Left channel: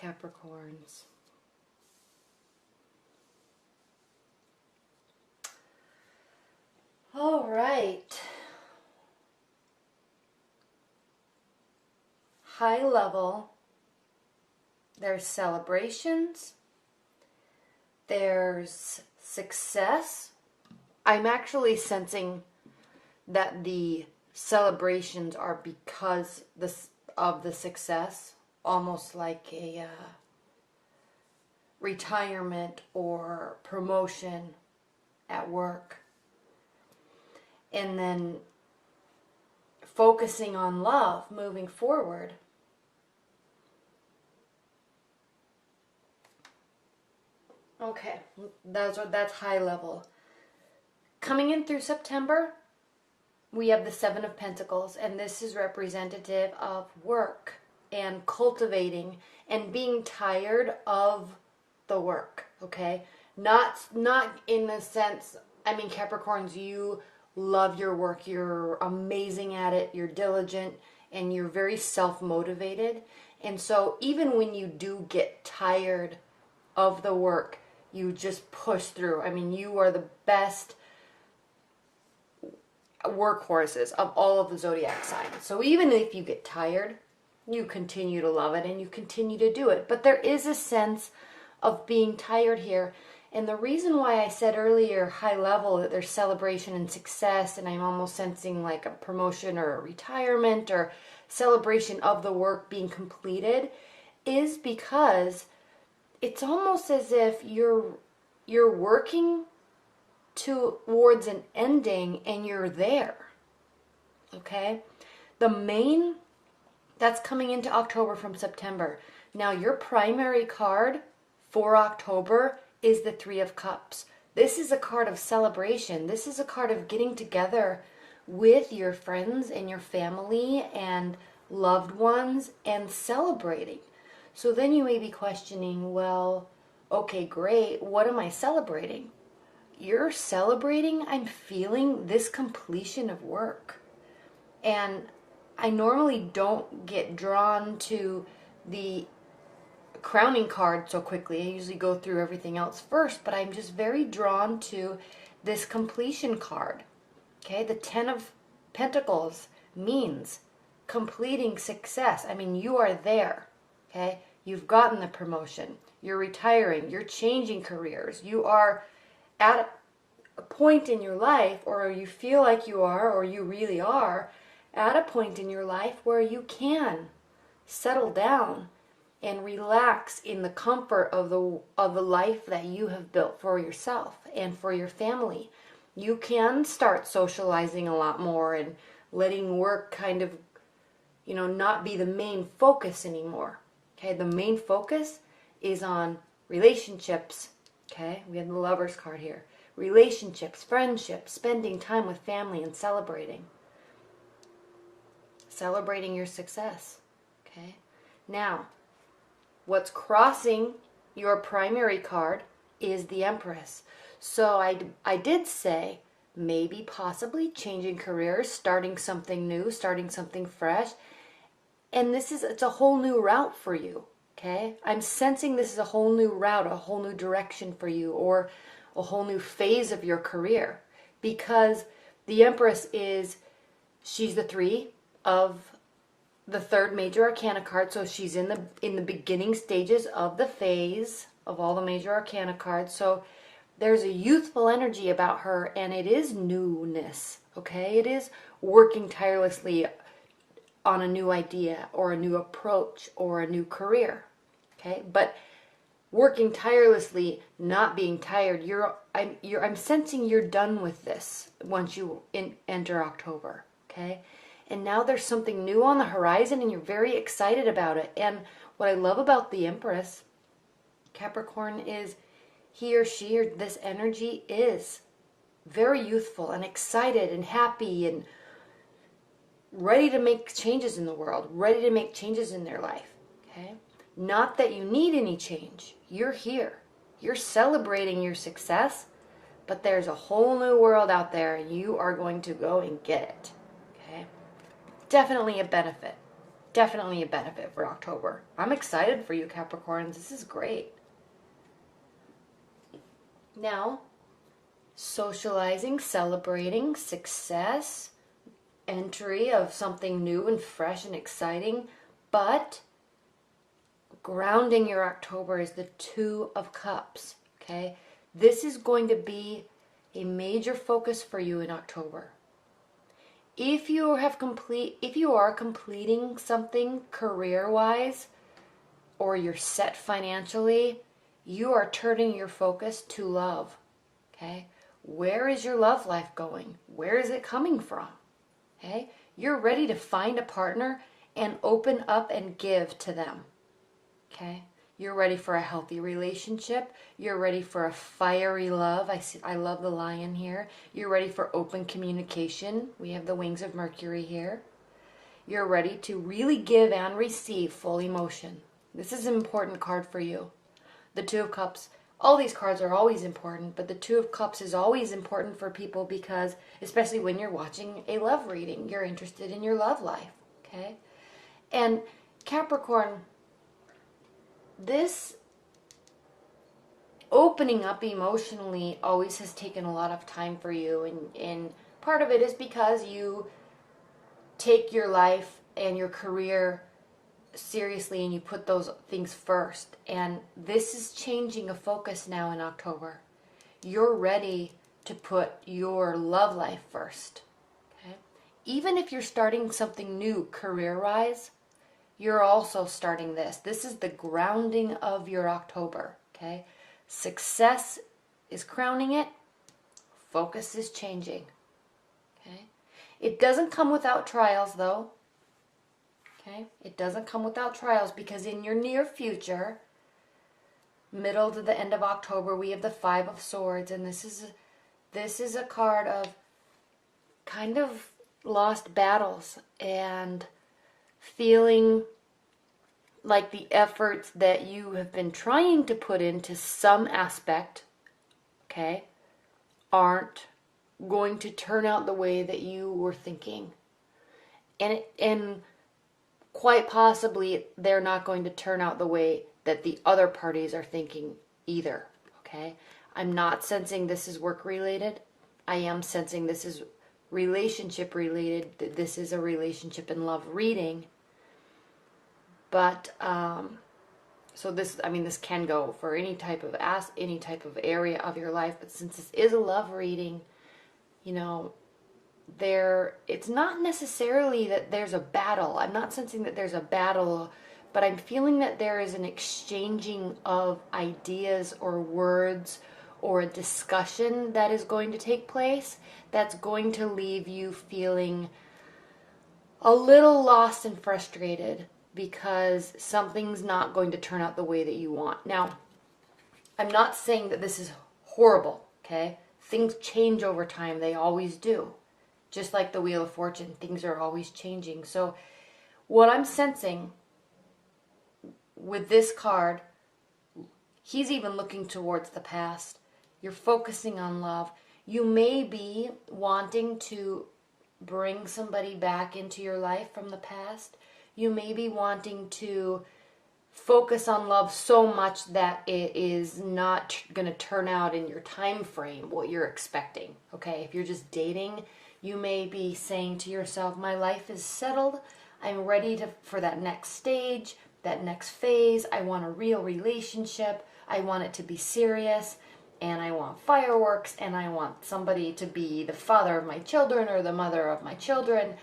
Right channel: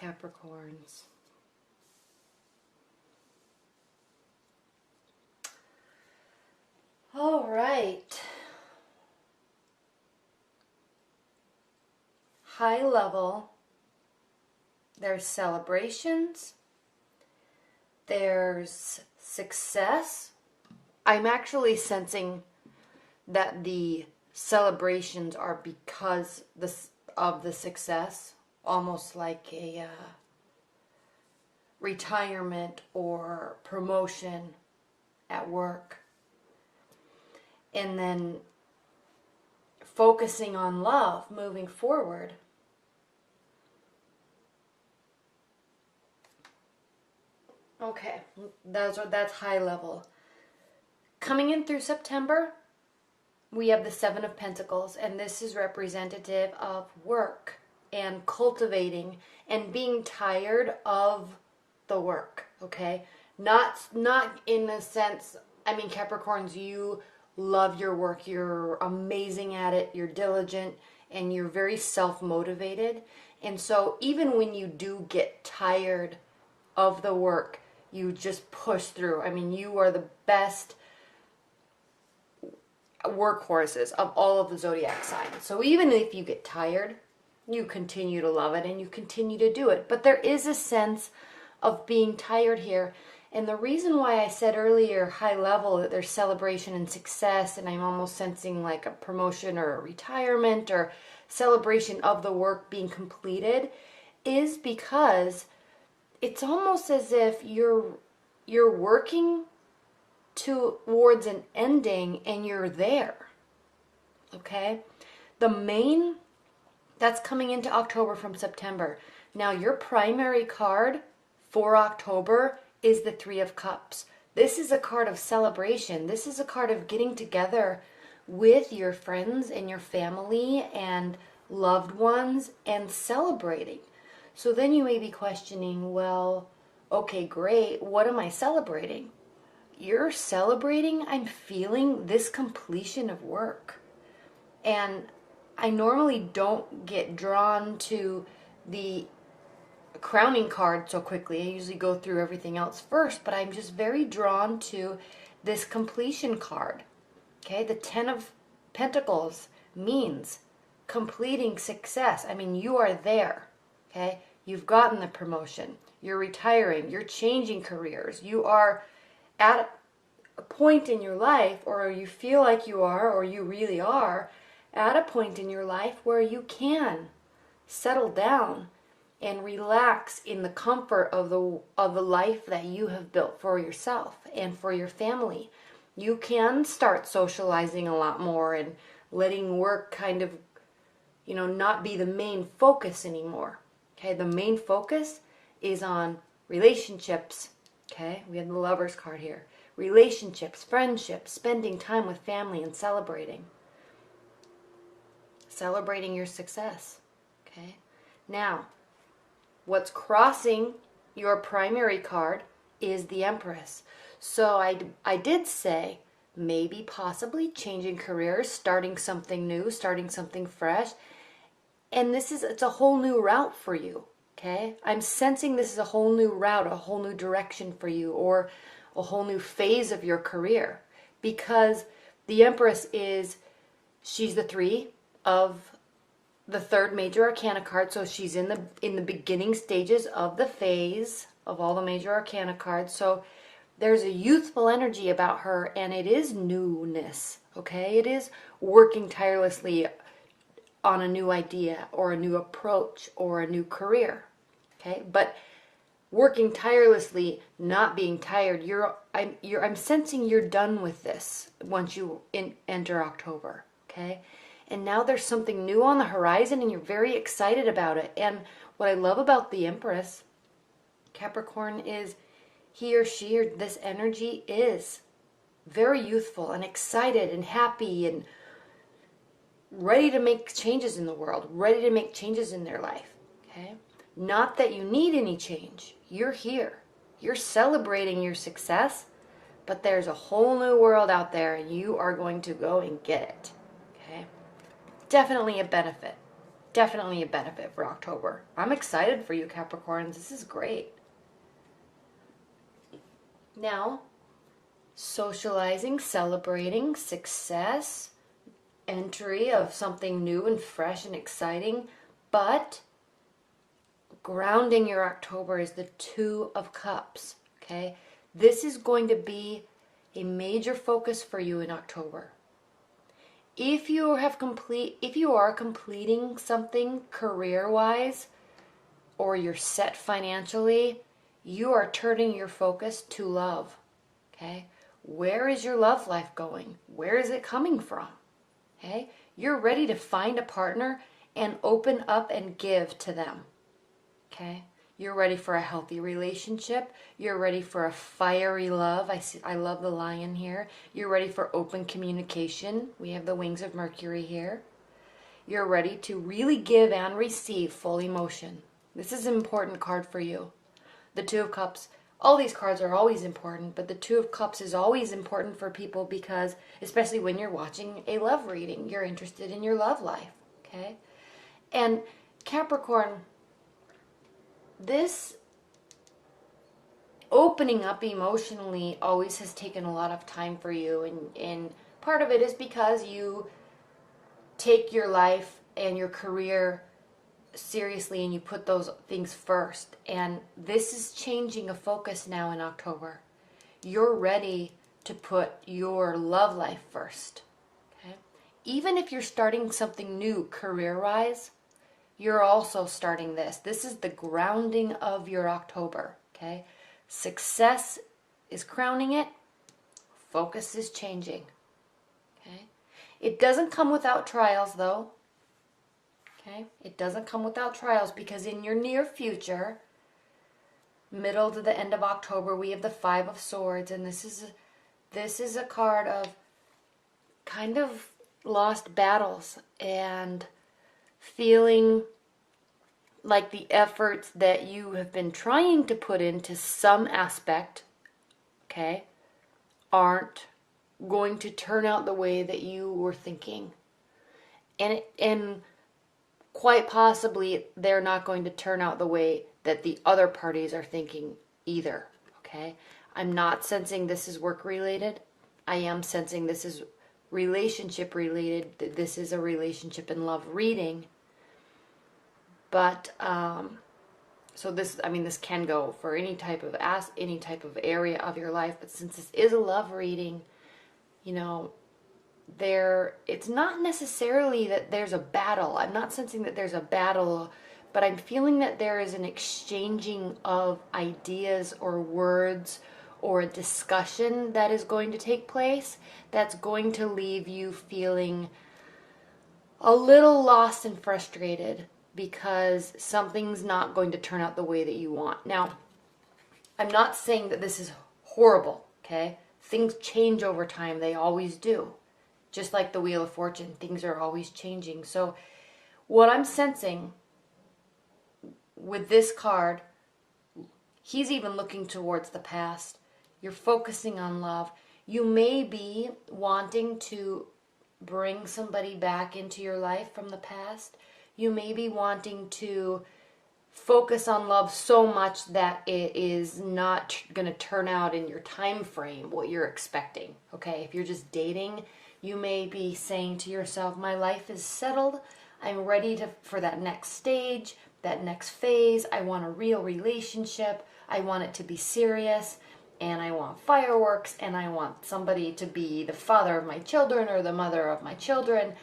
Capricorns. All right. High level, there's celebrations, there's success. I'm actually sensing that the celebrations are because of the success, almost like a retirement or promotion at work. And then focusing on love moving forward. Okay, that's high level. Coming in through September, we have the Seven of Pentacles, and this is representative of work and cultivating and being tired of the work, okay? Not in the sense, I mean, Capricorns, you love your work, you're amazing at it, you're diligent, and you're very self-motivated. And so even when you do get tired of the work, you just push through. I mean, you are the best workhorses of all of the zodiac signs. So even if you get tired, you continue to love it and you continue to do it. But there is a sense of being tired here. And the reason why I said earlier, high level, that there's celebration and success, and I'm almost sensing like a promotion or a retirement or celebration of the work being completed, is because it's almost as if you're working towards an ending and you're there. Okay? The main, that's coming into October from September. Now, your primary card for October is the Three of Cups. This is a card of celebration. This is a card of getting together with your friends and your family and loved ones and celebrating. So then you may be questioning, well, okay, great. What am I celebrating? You're celebrating, I'm feeling this completion of work. And I normally don't get drawn to the crowning card so quickly. I usually go through everything else first, but I'm just very drawn to this completion card. Okay, the Ten of Pentacles means completing success. I mean, you are there. Okay, you've gotten the promotion. You're retiring. You're changing careers. You are at a point in your life, or you feel like you are, or you really are, at a point in your life where you can settle down and relax in the comfort of the life that you have built for yourself and for your family. You can start socializing a lot more and letting work kind of, not be the main focus anymore. Okay, the main focus is on relationships. Okay, we have the Lover's card here. Relationships, friendships, spending time with family and celebrating. Celebrating your success. Okay, now, what's crossing your primary card is the Empress. So I did say maybe possibly changing careers, starting something new, starting something fresh. And it's a whole new route for you. Okay? I'm sensing this is a whole new route, a whole new direction for you, or a whole new phase of your career. Because the Empress she's the three of the third major arcana card, so she's in the beginning stages of the phase of all the major arcana cards. So there's a youthful energy about her, and it is newness. Okay, it is working tirelessly on a new idea or a new approach or a new career. Okay, but working tirelessly, not being tired. I'm sensing you're done with this once you enter October. Okay. And now there's something new on the horizon and you're very excited about it. And what I love about the Empress, Capricorn, is he or she or this energy is very youthful and excited and happy and ready to make changes in the world, ready to make changes in their life. Okay? Not that you need any change. You're here. You're celebrating your success, but there's a whole new world out there. You are going to go and get it. Okay? Definitely a benefit. definitely a benefit for October. I'm excited for you, Capricorns. This is great. Now, socializing, celebrating, success, entry of something new and fresh and exciting, but grounding your October is the Two of Cups, okay? This is going to be a major focus for you in October. If you are completing something career-wise, or you're set financially, you are turning your focus to love, okay? Where is your love life going? Where is it coming from? Okay? You're ready to find a partner and open up and give to them. Okay? You're ready for a healthy relationship. You're ready for a fiery love. I love the lion here. You're ready for open communication. We have the wings of Mercury here. You're ready to really give and receive full emotion. This is an important card for you. The Two of Cups. All these cards are always important, but the Two of Cups is always important for people because, especially when you're watching a love reading, you're interested in your love life, okay? And Capricorn, this opening up emotionally always has taken a lot of time for you, and part of it is because you take your life and your career seriously and you put those things first, and this is changing a focus now in October. You're ready to put your love life first, okay? Even if you're starting something new career-wise, you're also starting this. This is the grounding of your October, okay? Success is crowning it. Focus is changing, okay? It doesn't come without trials, though. Okay? It doesn't come without trials because in your near future, middle to the end of October, we have the Five of Swords, and this is a card of kind of lost battles and feeling like the efforts that you have been trying to put into some aspect, okay, aren't going to turn out the way that you were thinking. And quite possibly, they're not going to turn out the way that the other parties are thinking either, okay? I'm not sensing this is work-related. I am sensing this is relationship-related. This is a relationship and love reading. But, so this can go for any type of area of your life. But since this is a love reading, it's not necessarily that there's a battle. I'm not sensing that there's a battle, but I'm feeling that there is an exchanging of ideas or words or a discussion that is going to take place that's going to leave you feeling a little lost and frustrated because something's not going to turn out the way that you want. Now, I'm not saying that this is horrible, okay? Things change over time. They always do. Just like the Wheel of Fortune, things are always changing. So what I'm sensing with this card, he's even looking towards the past. You're focusing on love. You may be wanting to bring somebody back into your life from the past. You may be wanting to focus on love so much that it is not going to turn out in your time frame what you're expecting. Okay, if you're just dating, you may be saying to yourself, my life is settled. I'm ready for that next stage, that next phase. I want a real relationship. I want it to be serious. And I want fireworks. And I want somebody to be the father of my children or the mother of my children.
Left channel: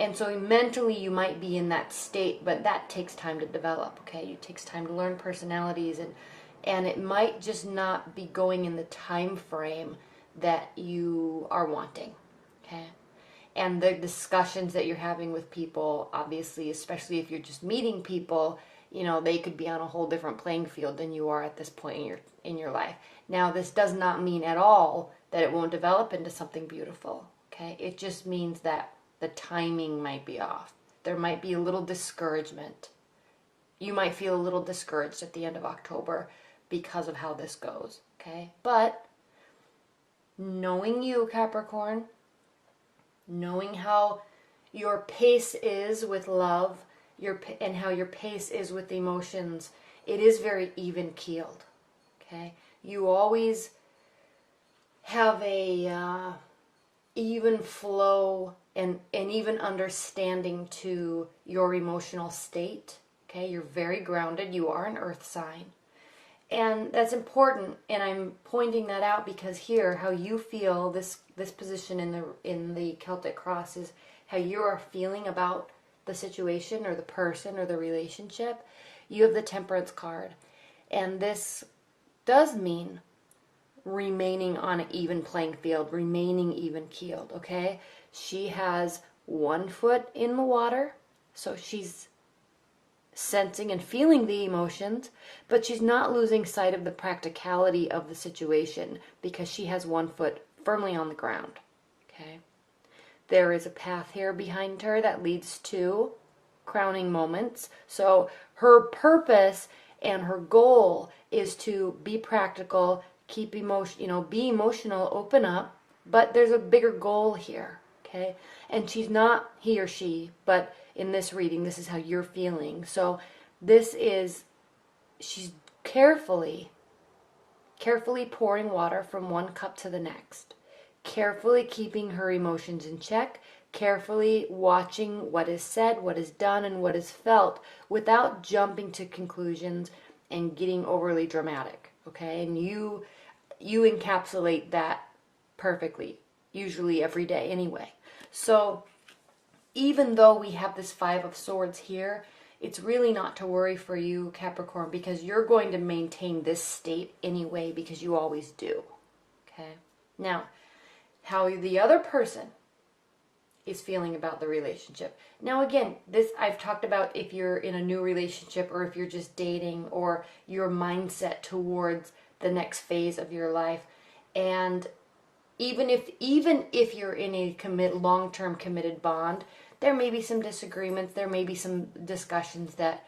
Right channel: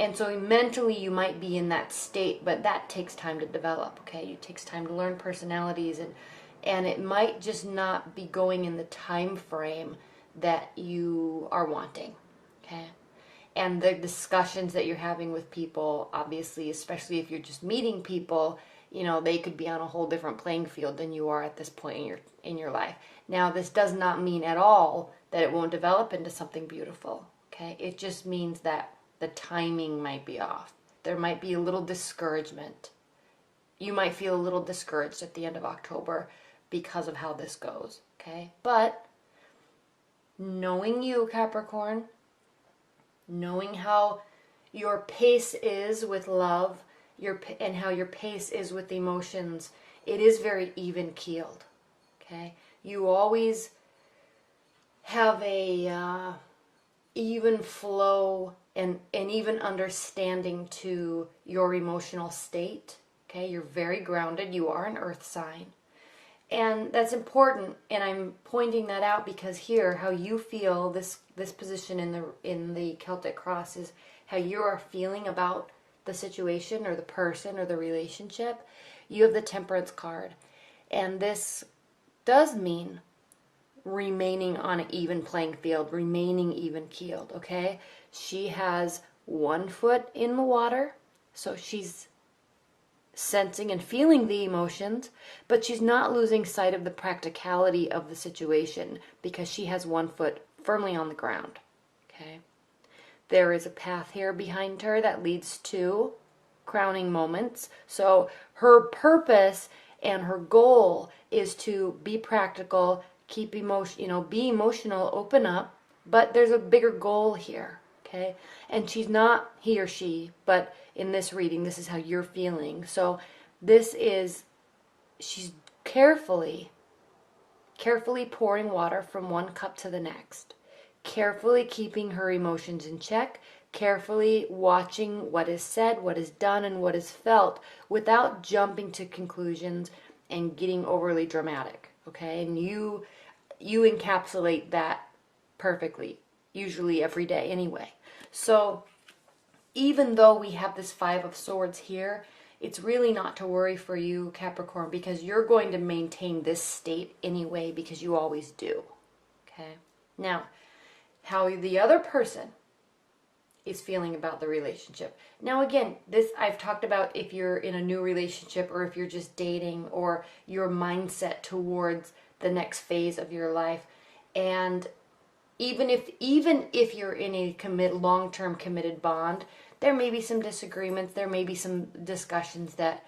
And so mentally you might be in that state, but that takes time to develop, okay? It takes time to learn personalities, and it might just not be going in the time frame that you are wanting, okay? And the discussions that you're having with people, obviously, especially if you're just meeting people, they could be on a whole different playing field than you are at this point in your life. Now, this does not mean at all that it won't develop into something beautiful, okay? It just means that the timing might be off. There might be a little discouragement. You might feel a little discouraged at the end of October because of how this goes, okay? But knowing you, Capricorn, knowing how your pace is with love and how your pace is with emotions, it is very even keeled. Okay, you always have a even flow and even understanding to your emotional state. Okay, you're very grounded. You are an earth sign. And that's important, and I'm pointing that out because here, how you feel, this position in the Celtic cross is how you are feeling about the situation or the person or the relationship. You have the Temperance card, and this does mean remaining on an even playing field, remaining even keeled. Okay, she has one foot in the water, so she's sensing and feeling the emotions, but she's not losing sight of the practicality of the situation because she has one foot firmly on the ground. Okay, there is a path here behind her that leads to crowning moments. So her purpose and her goal is to be practical, keep emotion, be emotional, open up, but there's a bigger goal here. Okay, and she's not he or she, but in this reading, this is how you're feeling. So she's carefully pouring water from one cup to the next, carefully keeping her emotions in check, carefully watching what is said, what is done, and what is felt without jumping to conclusions and getting overly dramatic. Okay, and you encapsulate that perfectly, usually every day anyway. So even though we have this Five of Swords here, it's really not to worry for you, Capricorn, because you're going to maintain this state anyway, because you always do. Okay? Now, how the other person is feeling about the relationship. Now, again, this I've talked about if you're in a new relationship or if you're just dating or your mindset towards the next phase of your life. And even if you're in a long-term committed bond, there may be some disagreements, there may be some discussions that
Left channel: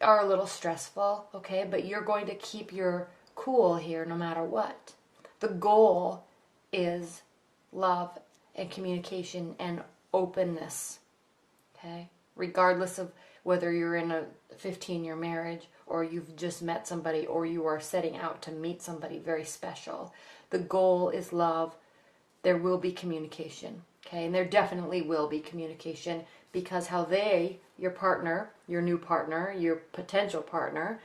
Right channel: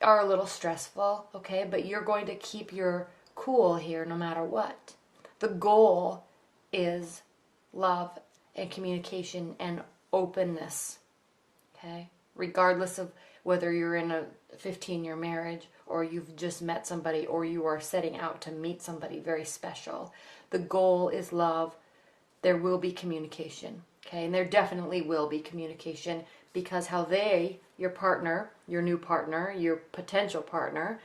are a little stressful, okay? But you're going to keep your cool here no matter what. The goal is love and communication and openness, okay? Regardless of whether you're in a 15-year marriage or you've just met somebody or you are setting out to meet somebody very special, the goal is love. There will be communication, okay? And there definitely will be communication because how your partner, your new partner, your potential partner,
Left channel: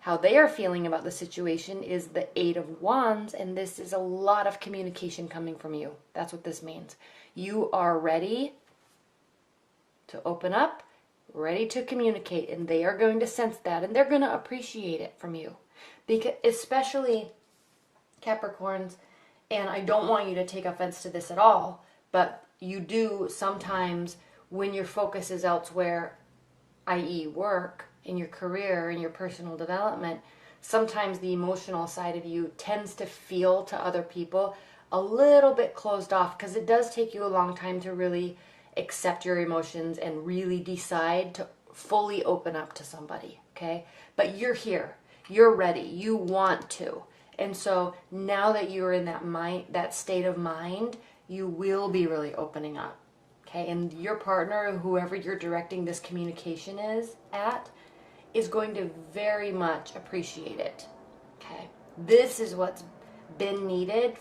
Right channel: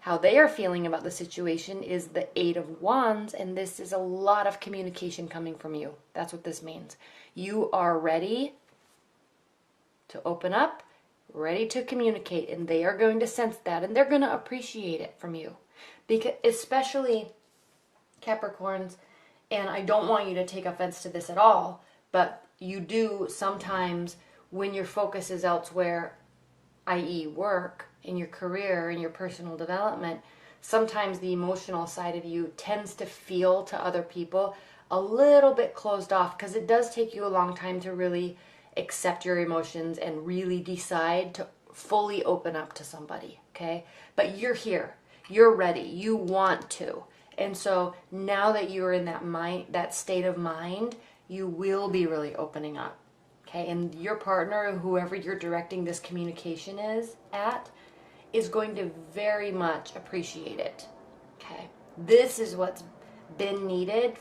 how they are feeling about the situation is the Eight of Wands, and this is a lot of communication coming from you. That's what this means. You are ready to open up, ready to communicate, and they are going to sense that, and they're going to appreciate it from you. Because especially Capricorns, and I don't want you to take offense to this at all, but you do sometimes when your focus is elsewhere, i.e. work, in your career, in your personal development, sometimes the emotional side of you tends to feel to other people a little bit closed off because it does take you a long time to really accept your emotions and really decide to fully open up to somebody, okay? But you're here. You're ready. You want to. And so now that you're in that state of mind, you will be really opening up, okay? And your partner, whoever you're directing this communication is going to very much appreciate it, okay? This is what's been needed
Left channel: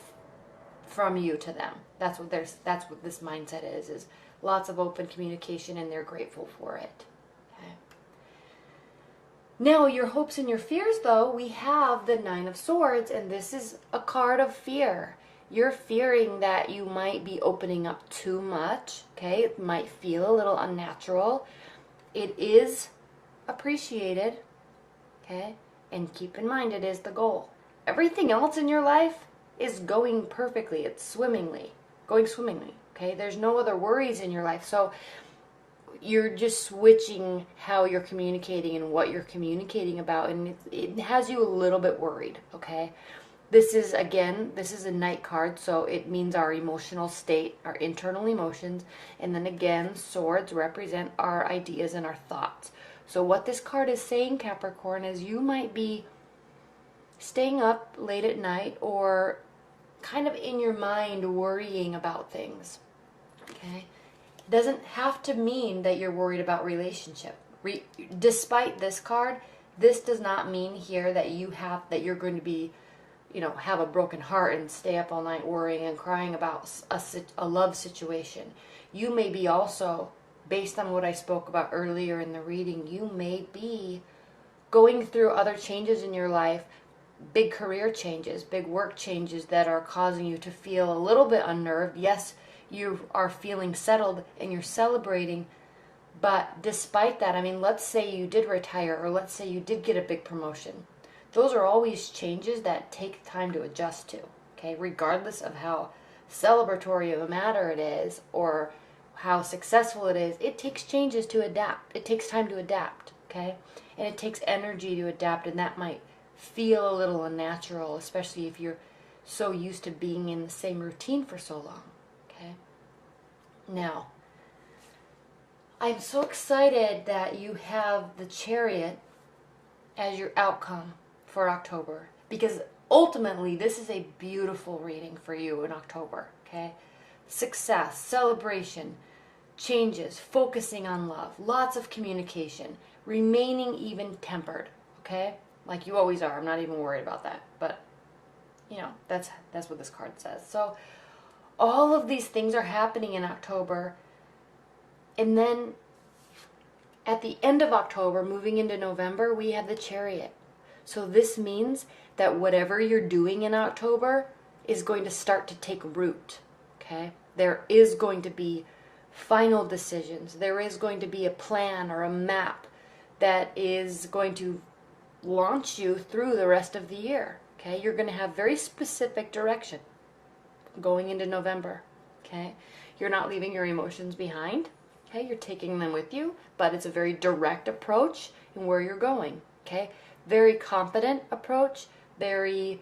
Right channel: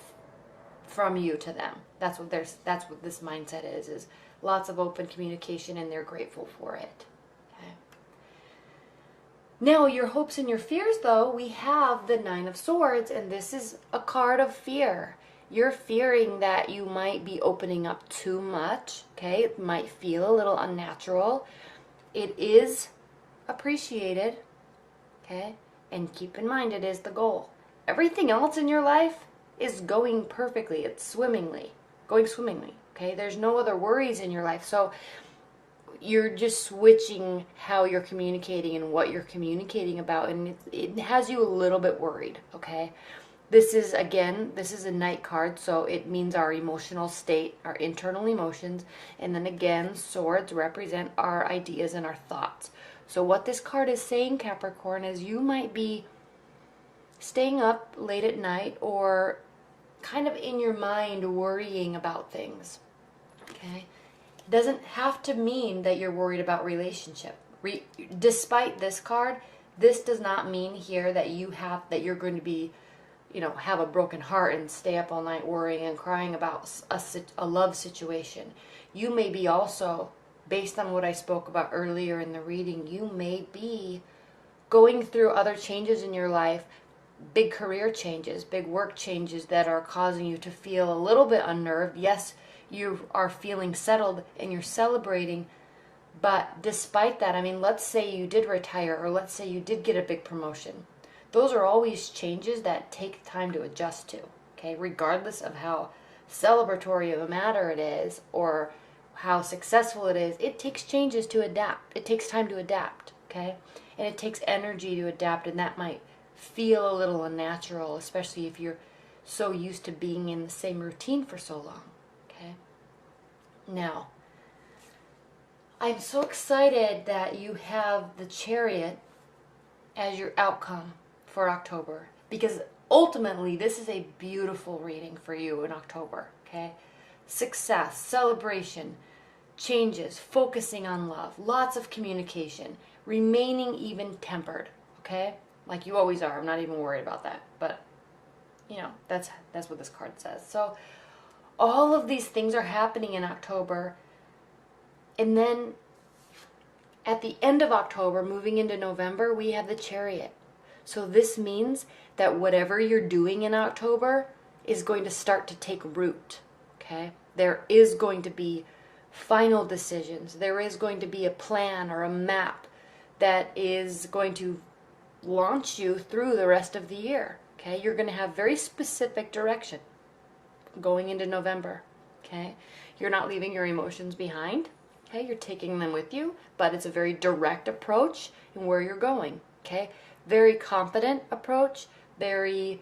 from you to them. That's what this mindset is lots of open communication, and they're grateful for it. Now, your hopes and your fears, though, we have the Nine of Swords, and this is a card of fear. You're fearing that you might be opening up too much, okay? It might feel a little unnatural. It is appreciated, okay? And keep in mind, it is the goal. Everything else in your life is going perfectly. It's going swimmingly, okay? There's no other worries in your life, so you're just switching how you're communicating and what you're communicating about, and it has you a little bit worried, okay? This is a Knight card, so it means our emotional state, our internal emotions, and then again, swords represent our ideas and our thoughts. So what this card is saying, Capricorn, is you might be staying up late at night or kind of in your mind worrying about things, okay? Doesn't have to mean that you're worried about relationship. Despite this card, this does not mean here that you're going to be, have a broken heart and stay up all night worrying and crying about a love situation. You may be also, based on what I spoke about earlier in the reading, you may be going through other changes in your life, big career changes, big work changes that are causing you to feel a little bit unnerved. Yes, you are feeling settled and you're celebrating, but despite that, I mean, let's say you did retire, or let's say you did get a big promotion. Those are always changes that take time to adjust to, okay? Regardless of how celebratory of a matter it is, or how successful it is, it takes changes to adapt. It takes time to adapt, okay? And it takes energy to adapt, and that might feel a little unnatural, especially if you're so used to being in the same routine for so long, okay? Now, I'm so excited that you have the Chariot as your outcome for October, because ultimately this is a beautiful reading for you in October, okay? Success, celebration, changes, focusing on love, lots of communication, remaining even-tempered, okay? Like you always are. I'm not even worried about that, but that's what this card says. So all of these things are happening in October. And then at the end of October, moving into November, we have the Chariot. So this means that whatever you're doing in October is going to start to take root, okay? There is going to be final decisions. There is going to be a plan or a map that is going to launch you through the rest of the year, okay? You're going to have very specific direction going into November, okay? You're not leaving your emotions behind. Okay, you're taking them with you, but it's a very direct approach in where you're going, okay? Very confident approach, very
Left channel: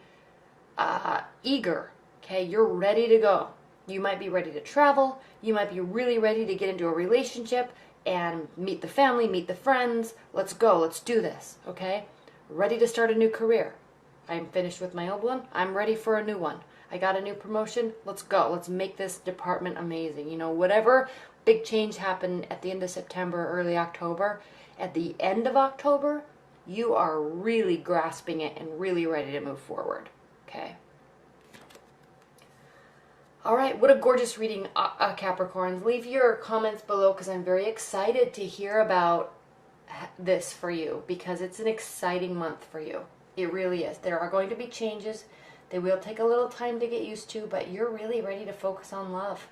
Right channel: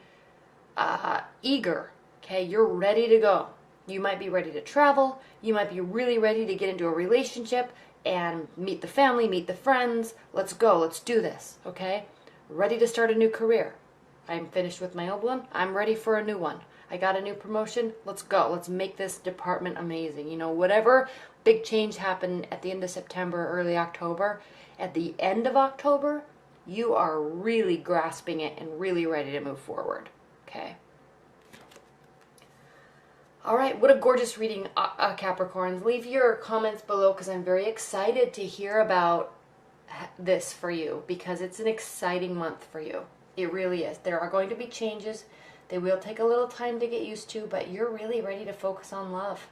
eager, okay? You're ready to go. You might be ready to travel. You might be really ready to get into a relationship and meet the family, meet the friends. Let's go. Let's do this, okay? Ready to start a new career. I'm finished with my old one. I'm ready for a new one. I got a new promotion. Let's go. Let's make this department amazing. Whatever big change happened at the end of September, early October, at the end of October, you are really grasping it and really ready to move forward. Okay? All right. What a gorgeous reading, Capricorns. Leave your comments below because I'm very excited to hear about this for you because it's an exciting month for you. It really is. There are going to be changes. They will take a little time to get used to, but you're really ready to focus on love.